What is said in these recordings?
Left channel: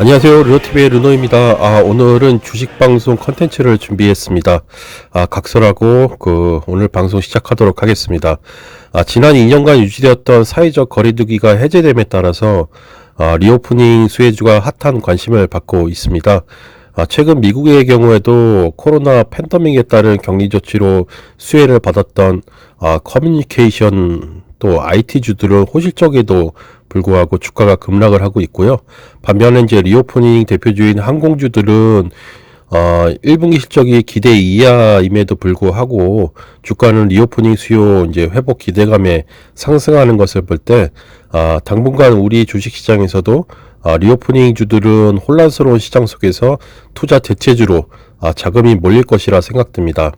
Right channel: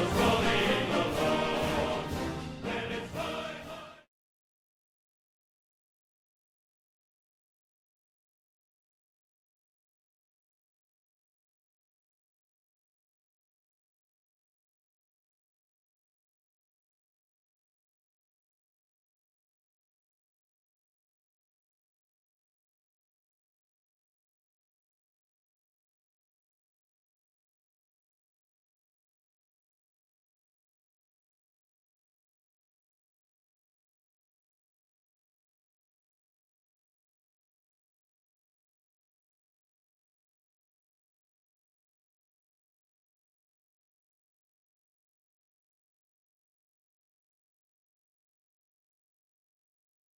안녕하세요. 르노TV의 르노입니다. 오늘은 주식 방송 컨텐츠를 준비했습니다. 각설하고 오늘 방송 시작하도록 하겠습니다. 지난 2년간 유지되었던 사회적 거리두기가 해제됨에 따라서 리오프닝 수혜주가 핫한 관심을 받고 있습니다. 최근 미국의 경우에도 코로나 팬데믹에 따른 격리 조치로 수혜를 받았던 커뮤니케이션 또 IT주들은 호실적에도 불구하고 주가가 급락을 하고 있고요. 반면에 이제 리오프닝 대표주인 항공주들은 1분기 실적이 기대 이하임에도 불구하고 주가는 리오프닝 수요 이제 회복 기대감에 상승하는 것을 볼 때 당분간 우리 주식시장에서도 리오프닝 주들은 혼란스러운 시장 속에서 투자 대체주로 자금이 몰릴 것이라 생각됩니다.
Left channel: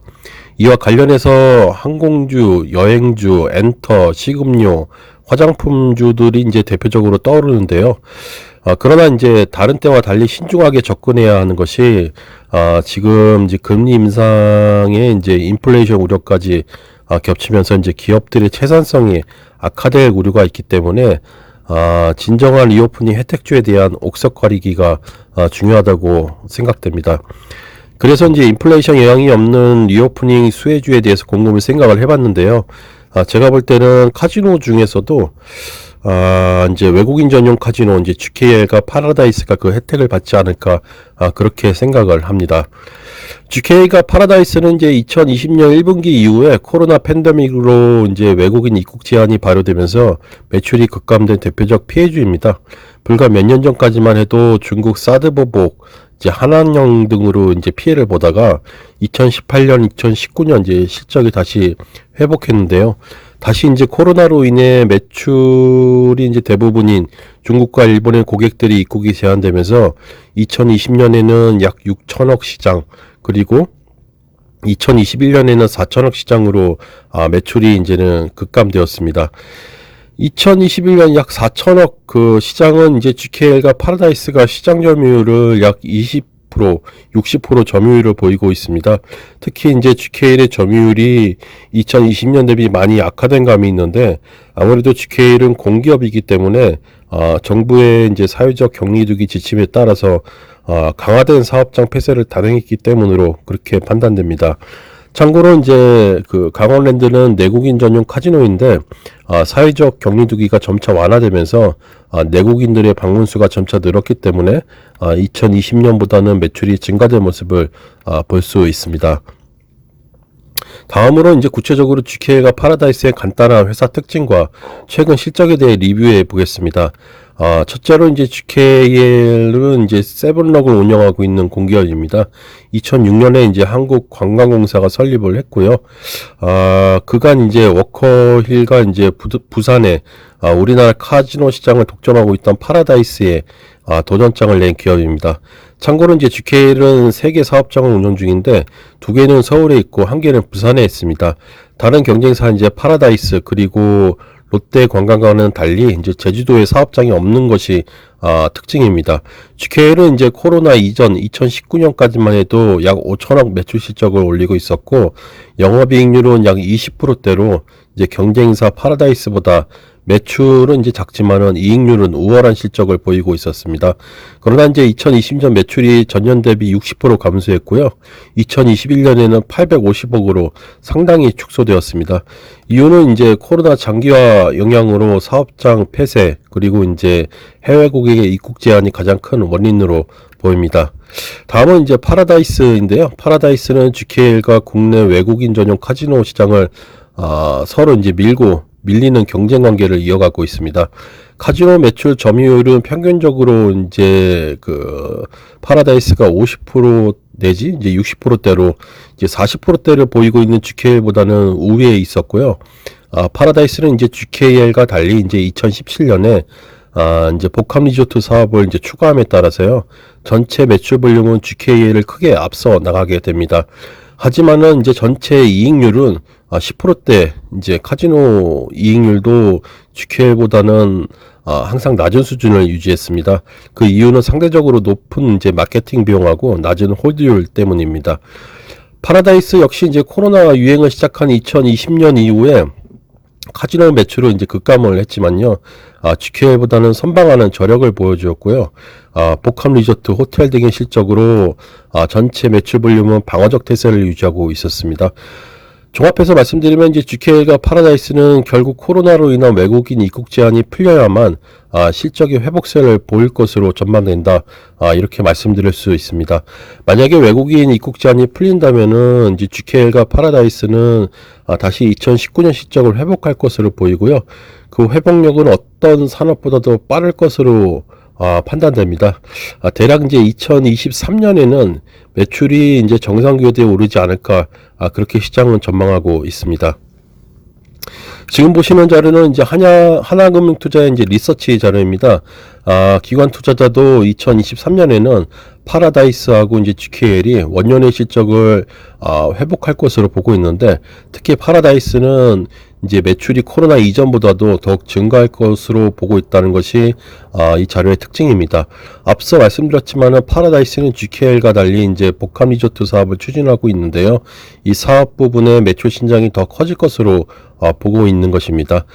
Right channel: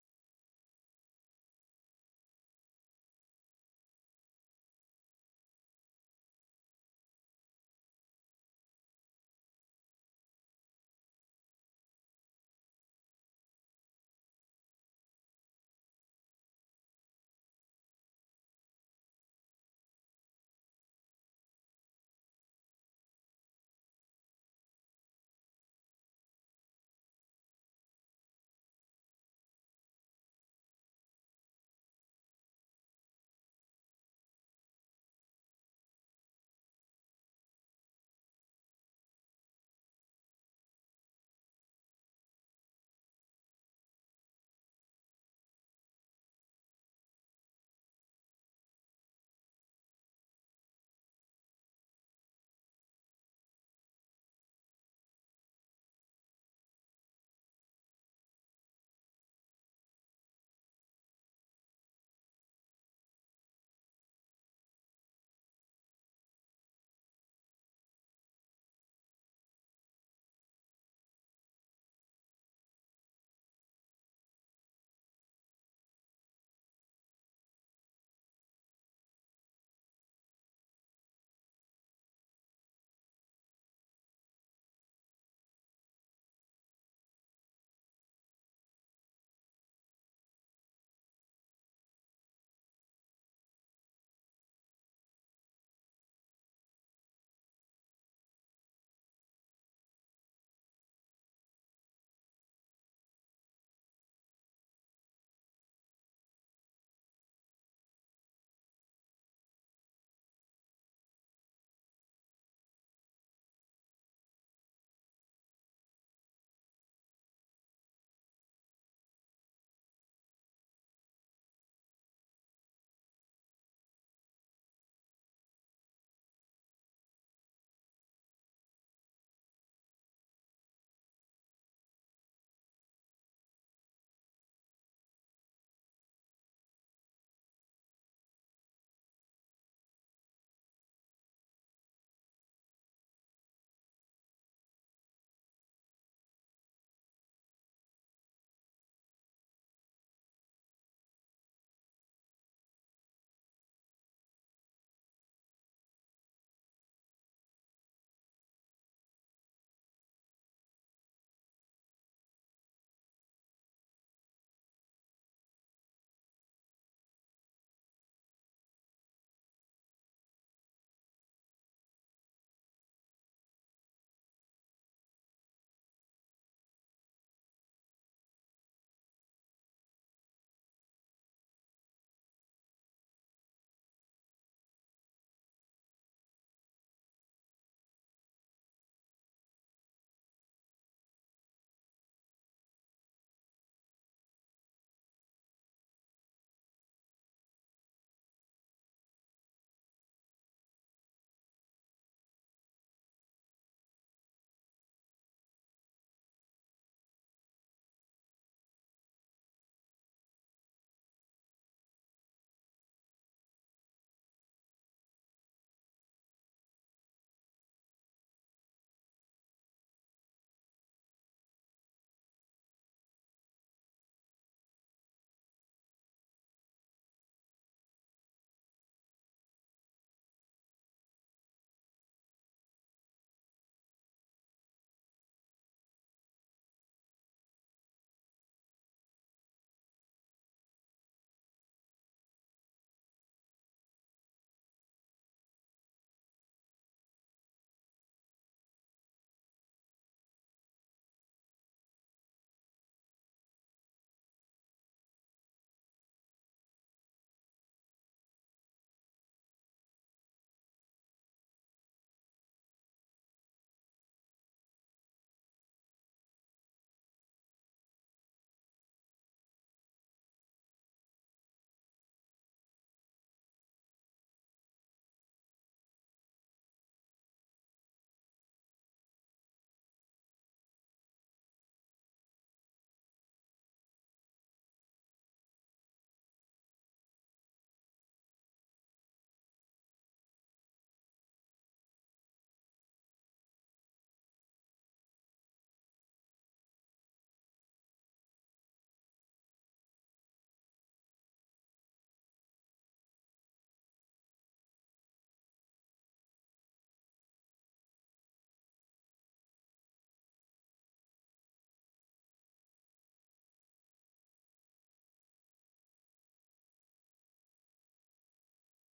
이와 관련해서 항공주, 여행주, 엔터, 식음료, 화장품주들이 이제 대표적으로 떠오르는데요. 그러나 이제 다른 때와 달리 신중하게 접근해야 하는 것이 지금 이제 금리 인상에 이제 인플레이션 우려까지 겹치면서 이제 기업들의 채산성이 악화될 우려가 있기 때문에 진정한 리오프닝 혜택주에 대한 옥석 가리기가 중요하다고 생각됩니다. 그래서 이제 인플레이션 영향이 없는 리오프닝 수혜주에 대해서 곰곰이 생각을 해봤는데요. 제가 볼 때는 카지노 중에서도 이제 외국인 전용 카지노 이제 GKL과 파라다이스가 그 혜택을 받지 않을까 그렇게 생각을 합니다. GK가 파라다이스는 이제 2020년 1분기 이후에 코로나 팬데믹으로 이제 외국인 입국 제한이 발효되면서 매출이 급감된 대표적 피해주입니다. 불과 몇 년 전까지만 해도 중국 사드 보복, 이제 한한령 등으로 이제 피해를 보다가 2018년, 2019년 이제 실적이 다시 회복했는데요. 다시 이제 코로나로 인해 매출이 이제 대부분인 중국과 일본의 고객들이 입국이 제한되면서 2020년에는 약 6천억 시장, 그리고 2021년에는 4천억 시장으로 매출이 이제는 급감되었습니다. 2021년 약 4천억 그 시장은 이제 GKL과 파라다이스가 시장 점유율을 약 20%, 60% 점유율을 보이고 있습니다. 특히 이제 GKL의 점유율이 2020년 대비 많이 악화된 감이 있는데 아무래도 GKL은 공기업이기 때문에 정부의 이제 사회적 격리두기 지침에 따라서 강화된 사업장 폐쇄를 단행했기 때문으로 그렇게 판단됩니다. 참고로 이제 그 강원랜드는 내국인 전용 카지노인데 사회적 격리두기가 점차 완화되면서 내국인들의 방문 수가 점차 늘었기 때문에 2020년보다는 매출이 증가된 모습을 볼 수 있습니다. 다음으로 이제 구체적으로 GK가 파라다이스의 간단한 회사 특징과 최근 실적에 대해 리뷰해 보겠습니다. 첫째로 이제 GKL은 이제 세븐럭을 운영하고 있는 공기업입니다. 2006년에 이제 한국관광공사가 설립을 했고요. 그간 이제 워커힐과 이제 부산에 우리나라 카지노 시장을 독점하고 있던 파라다이스에 도전장을 낸 기업입니다. 참고로 이제 GKL은 3개 사업장을 운영 중인데 2개는 서울에 있고 1개는 부산에 있습니다. 다른 경쟁사 이제 파라다이스 그리고 롯데관광과는 달리 이제 제주도에 사업장이 없는 것이 특징입니다. GKL은 이제 코로나 이전 2019년까지만 해도 약 5천억 매출 실적을 올리고 있었고 영업이익률은 약 20%대로 이제 경쟁사 파라다이스보다 매출은 이제 작지만은 이익률은 우월한 실적을 보이고 있었습니다. 그러나 이제 2020년 매출이 전년 대비 60% 감소했고요. 2021년에는 850억으로 상당히 축소되었습니다. 이유는 이제 코로나 장기화 영향으로 사업장 폐쇄 그리고 이제 해외 고객의 입국 제한이 가장 큰 원인으로 보입니다. 다음은 이제 파라다이스인데요. 파라다이스는 GKL과 국내 외국인 전용 카지노 시장을 서로 이제 밀리는 경쟁 관계를 이어가고 있습니다. 카지노 매출 점유율은 평균적으로 이제 그 파라다이스가 50% 내지 이제 60%대로 이제 40%대를 보이고 있는 GKL보다는 우위에 있었고요. 파라다이스는 이제 GKL과 달리 이제 2017년에 이제 복합 리조트 사업을 이제 추가함에 따라서요. 전체 매출 볼륨은 GKL을 크게 앞서 나가게 됩니다. 하지만은 이제 전체 이익률은 10%대 이제 카지노 이익률도 GKL보다는 항상 낮은 수준을 유지했습니다. 그 이유는 상대적으로 높은 이제 마케팅 비용하고 낮은 홀드율 때문입니다. 파라다이스 역시 이제 코로나 유행을 시작한 2020년 이후에 카지노 매출은 이제 급감을 했지만요. GQL보다는 선방하는 저력을 보여주었고요. 복합 리조트, 호텔 등의 실적으로 전체 매출 볼륨은 방어적 태세를 유지하고 있었습니다. 종합해서 말씀드리면 이제 GQL과 파라다이스는 결국 코로나로 인한 외국인 입국 제한이 풀려야만 실적의 회복세를 보일 것으로 전망된다. 이렇게 말씀드릴 수 있습니다. 만약에 외국인 입국 제한이 풀린다면은 이제 GQL과 파라다이스는 다시 2019년 실적을 회복할 것으로 보이고요. 그 회복력은 어떤 산업보다도 빠를 것으로 판단됩니다. 대략 이제 2023년에는 매출이 이제 정상 궤도에 오르지 않을까, 그렇게 시장은 전망하고 있습니다. 지금 보시는 자료는 이제 하나금융투자의 이제 리서치 자료입니다. 기관 투자자도 2023년에는 파라다이스하고 이제 GQL이 원년의 실적을 회복할 것으로 보고 있는데, 특히 파라다이스는 이제 매출이 코로나 이전보다도 더욱 증가할 것으로 보고 있다는 것이 이 자료의 특징입니다. 앞서 말씀드렸지만은 파라다이스는 GQL과 달리 이제 복합 리조트 사업을 추진하고 있는데요. 이 사업 부분의 매출 신장이 더 커질 것으로 보고 있는 것입니다.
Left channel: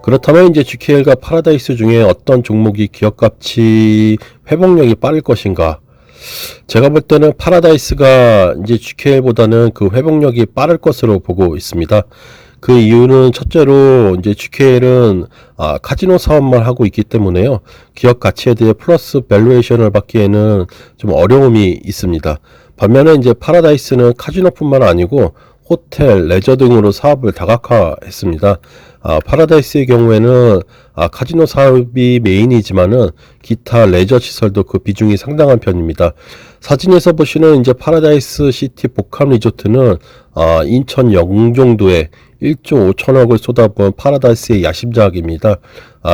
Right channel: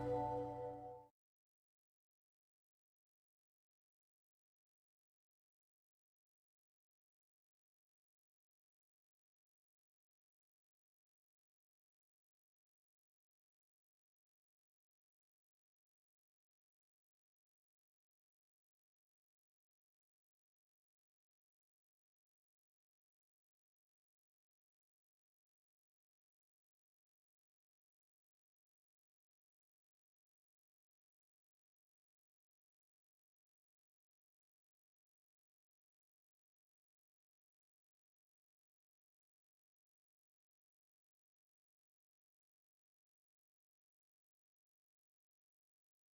그렇다면 이제 GQL과 파라다이스 중에 어떤 종목이 기업가치 회복력이 빠를 것인가? 제가 볼 때는 파라다이스가 이제 GQL보다는 그 회복력이 빠를 것으로 보고 있습니다. 그 이유는 첫째로 이제 GQL은 카지노 사업만 하고 있기 때문에요. 기업 가치에 대해 플러스 밸류에이션을 받기에는 좀 어려움이 있습니다. 반면에 이제 파라다이스는 카지노뿐만 아니고 호텔, 레저 등으로 사업을 다각화했습니다. 파라다이스의 경우에는 카지노 사업이 메인이지만은 기타 레저 시설도 그 비중이 상당한 편입니다. 사진에서 보시는 이제 파라다이스 시티 복합 리조트는 인천 영종도에 1조 5천억을 쏟아부은 파라다이스의 야심작입니다.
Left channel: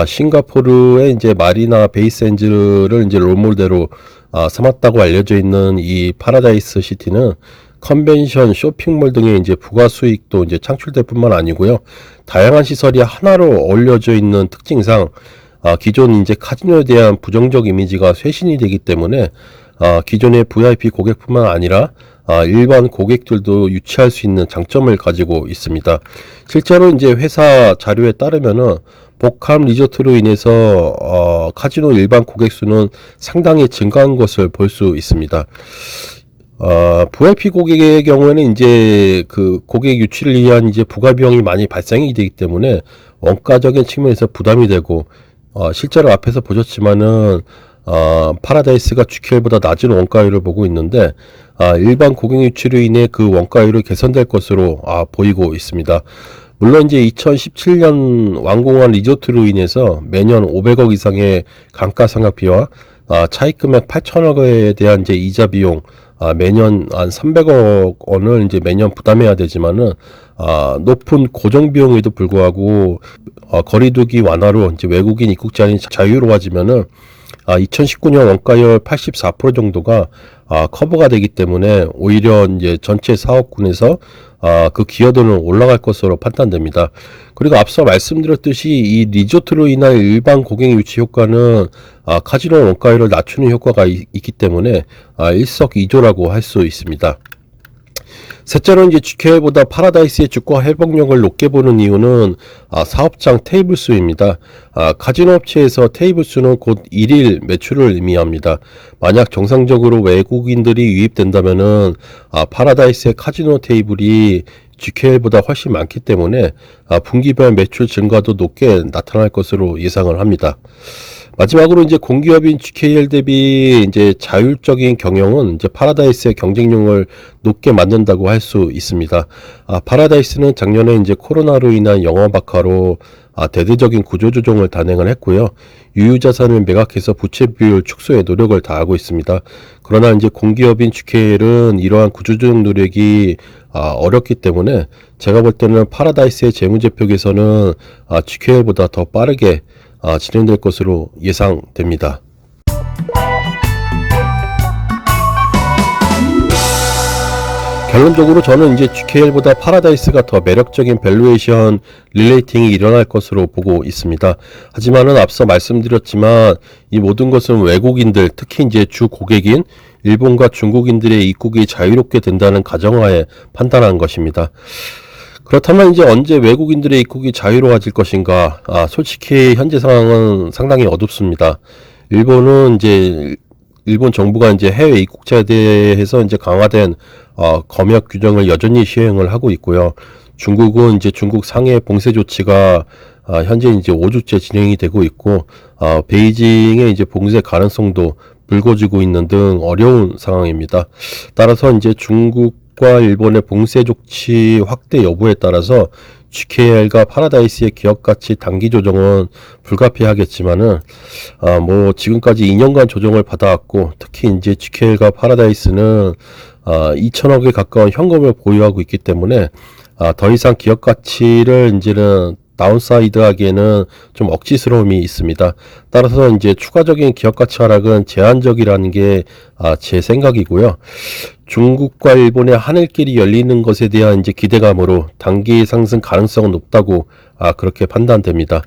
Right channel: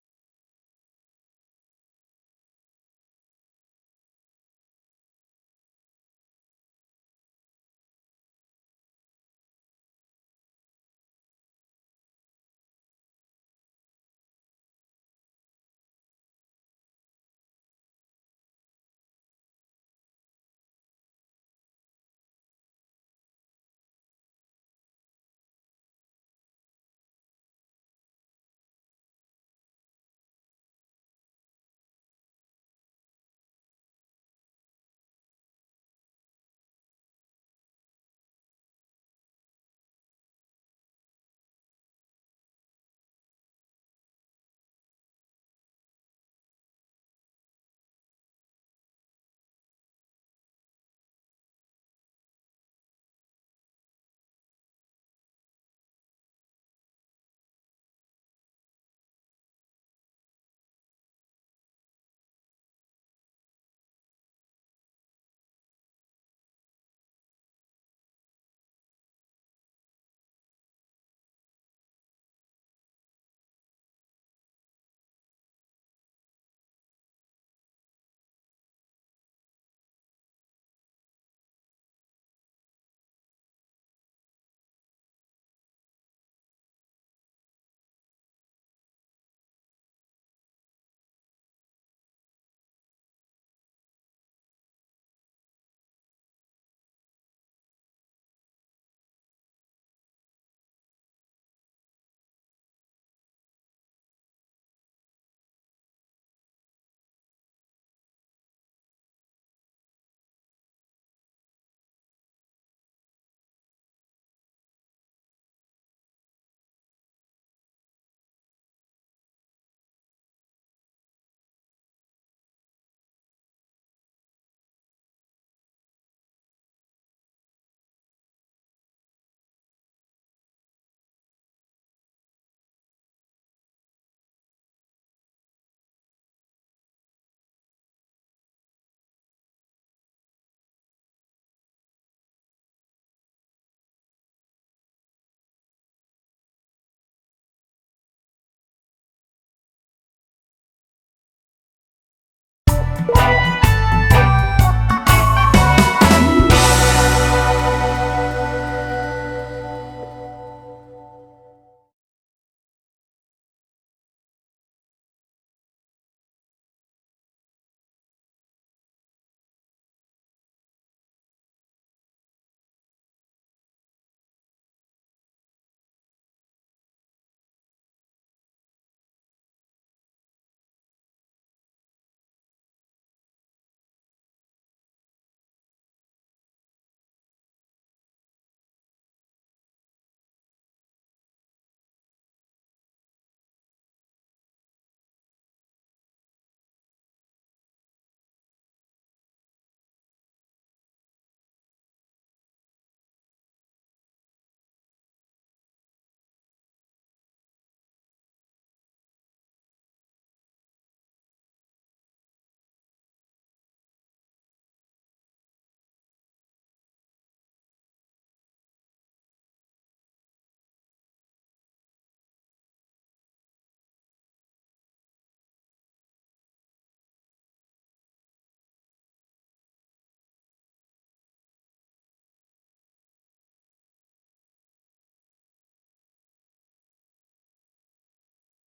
싱가포르의 이제 마리나 베이샌즈를 이제 롤모델로 삼았다고 알려져 있는 이 파라다이스 시티는 컨벤션, 쇼핑몰 등의 이제 부가 수익도 이제 창출될 뿐만 아니고요. 다양한 시설이 하나로 어울려져 있는 특징상 기존 이제 카지노에 대한 부정적 이미지가 쇄신이 되기 때문에 기존의 VIP 고객뿐만 아니라 일반 고객들도 유치할 수 있는 장점을 가지고 있습니다. 실제로 이제 회사 자료에 따르면은 복합 리조트로 인해서 카지노 일반 고객 수는 상당히 증가한 것을 볼 수 있습니다. VIP 고객의 경우에는 이제 그 고객 유치를 위한 이제 부가 비용이 많이 발생이 되기 때문에 원가적인 측면에서 부담이 되고, 실제로 앞에서 보셨지만은 파라다이스가 GQL보다 낮은 원가율을 보고 있는데, 일반 고객 유치로 인해 그 원가율이 개선될 것으로 보이고 있습니다. 물론 이제 2017년 완공한 리조트로 인해서 매년 500억 이상의 감가상각비와 차입금액 8천억에 대한 이제 이자 비용 매년 한 300억 원을 이제 매년 부담해야 되지만은 높은 고정 비용에도 불구하고 거리두기 완화로 이제 외국인 입국 제한이 자유로워지면은 2019년 원가율 84% 정도가 커버가 되기 때문에 오히려 이제 전체 사업군에서 그 기여도는 올라갈 것으로 판단됩니다. 그리고 앞서 말씀드렸듯이 이 리조트로 인한 일반 고객 유치 효과는 카지노 원가율을 낮추는 효과가 있기 때문에 일석이조라고 할 수 있습니다. 셋째로 이제 GQL보다 파라다이스의 주가 회복력을 높게 보는 이유는 사업장 테이블 수입니다. 카지노 업체에서 테이블 수는 곧 일일 매출을 의미합니다. 만약 정상적으로 외국인들이 유입된다면은 파라다이스의 카지노 테이블이 GQL보다 훨씬 많기 때문에 분기별 매출 증가도 높게 나타날 것으로 예상을 합니다. 마지막으로 이제 공기업인 GQL 대비 이제 자율적인 경영은 이제 파라다이스의 경쟁력을 높게 만든다고 할 수 있습니다. 파라다이스는 작년에 이제 코로나로 인한 영업 악화로 대대적인 구조조정을 단행을 했고요. 유유자산을 매각해서 부채 비율 축소에 노력을 다하고 있습니다. 그러나 이제 공기업인 GQL은 이러한 구조조정 노력이 어렵기 때문에 제가 볼 때는 파라다이스의 재무제표 개선은 GQL보다 더 빠르게 진행될 것으로 예상됩니다. 결론적으로 저는 이제 GQL보다 파라다이스가 더 매력적인 밸류에이션 릴레이팅이 일어날 것으로 보고 있습니다. 하지만은 앞서 말씀드렸지만 이 모든 것은 외국인들, 특히 이제 주 고객인 일본과 중국인들의 입국이 자유롭게 된다는 가정하에 판단한 것입니다. 그렇다면 이제 언제 외국인들의 입국이 자유로워질 것인가? 솔직히 현재 상황은 상당히 어둡습니다. 일본은 이제 일본 정부가 이제 해외 입국자에 대해서 이제 강화된 검역 규정을 여전히 시행을 하고 있고요. 중국은 이제 중국 상해 봉쇄 조치가 현재 이제 5주째 진행이 되고 있고, 베이징의 이제 봉쇄 가능성도 불거지고 있는 등 어려운 상황입니다. 따라서 이제 중국과 일본의 봉쇄 조치 확대 여부에 따라서 GKL과 파라다이스의 기업 가치 단기 조정은 불가피하겠지만은 뭐 지금까지 2년간 조정을 받아왔고, 특히 이제 GKL과 파라다이스는 2천억에 가까운 현금을 보유하고 있기 때문에 더 이상 기업 가치를 이제는 다운사이드 하기에는 좀 억지스러움이 있습니다. 따라서 이제 추가적인 기업 가치 하락은 제한적이라는 게 제 생각이고요. 중국과 일본의 하늘길이 열리는 것에 대한 이제 기대감으로 단기 상승 가능성은 높다고 그렇게 판단됩니다.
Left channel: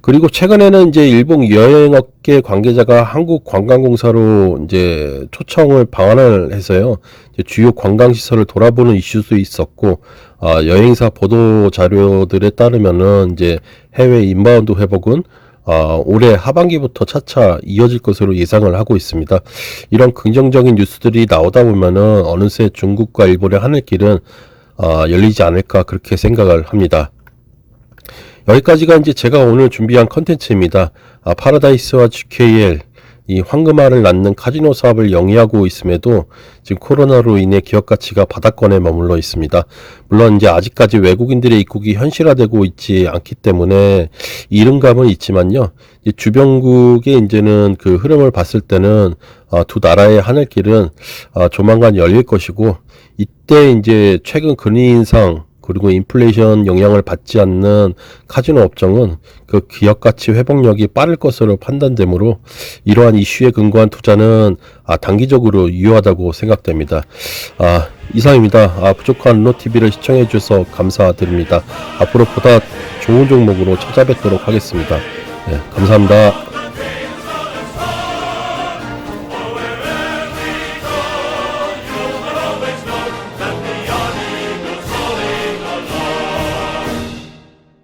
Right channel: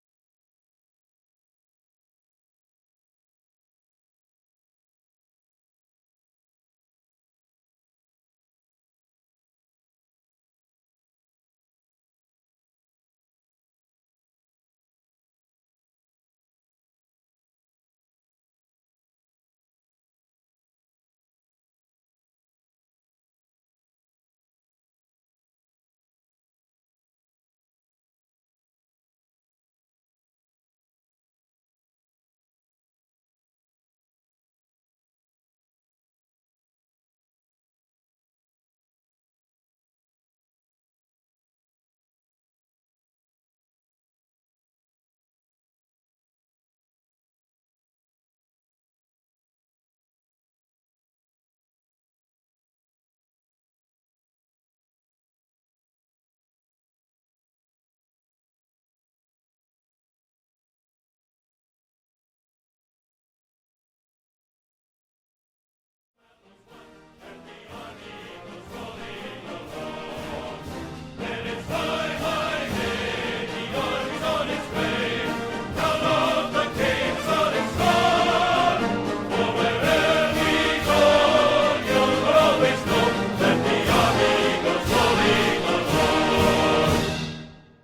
그리고 최근에는 이제 일본 여행업계 관계자가 한국관광공사로 이제 초청을 방한을 해서요. 이제 주요 관광시설을 돌아보는 이슈도 있었고, 여행사 보도 자료들에 따르면은 이제 해외 인바운드 회복은 올해 하반기부터 차차 이어질 것으로 예상을 하고 있습니다. 이런 긍정적인 뉴스들이 나오다 보면은 어느새 중국과 일본의 하늘길은 열리지 않을까 그렇게 생각을 합니다. 여기까지가 이제 제가 오늘 준비한 컨텐츠입니다. 파라다이스와 GKL, 이 황금알을 낳는 카지노 사업을 영위하고 있음에도 지금 코로나로 인해 기업 가치가 바닥권에 머물러 있습니다. 물론 이제 아직까지 외국인들의 입국이 현실화되고 있지 않기 때문에 이른감은 있지만요. 주변국의 이제는 그 흐름을 봤을 때는 두 나라의 하늘길은 조만간 열릴 것이고, 이때 이제 최근 금리 인상 그리고 인플레이션 영향을 받지 않는 카지노 업종은 그 기업 가치 회복력이 빠를 것으로 판단되므로 이러한 이슈에 근거한 투자는 단기적으로 유효하다고 생각됩니다. 이상입니다. 부족한 르노TV를 시청해 주셔서 감사드립니다. 앞으로 보다 좋은 종목으로 찾아뵙도록 하겠습니다. 네, 감사합니다.